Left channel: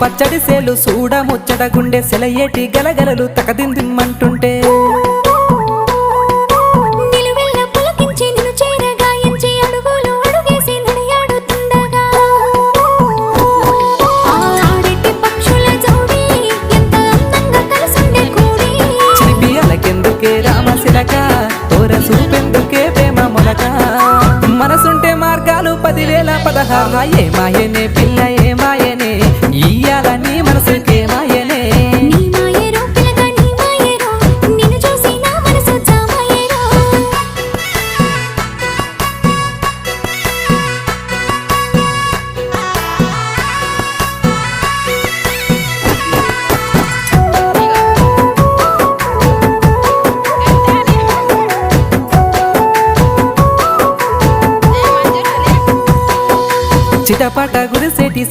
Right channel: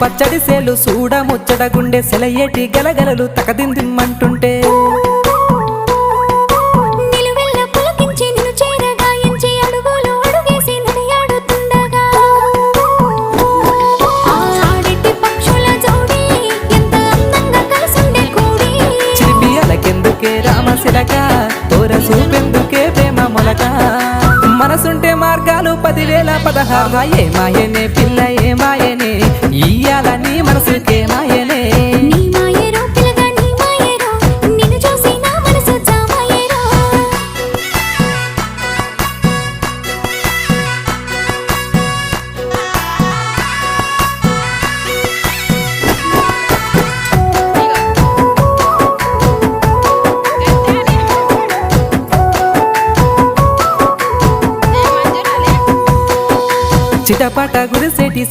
పచ్చడి సేలు సూడ ముచ్చట గుండె సెలయేటి గలగలలు తకదిందిమ్మంటుంటే నిలువెల్ల పులకించి నిన్ను చేరగాయించి అడుగులు అడుగేసి నడియాడుతుండగా ఆడెట్టి పక్షుల జోడి ఎంత అందంగా కలుసుండే కూడి చిలిపి అలకెందుకే రామశిలక తోర సూపెందుకే ప్రేమ మొలక మనసుంటే మార్గాలు 10,016 ఏ మాయనే పిల్ల ఏ మాయనే ఇయ్యాల నీ మనసుకే మాయనే నీ మాయేరో పిల్లగా నీ మాయేరో నిన్ను చూసి నా మనసు జామాయేరో చిటపట గురిసేటి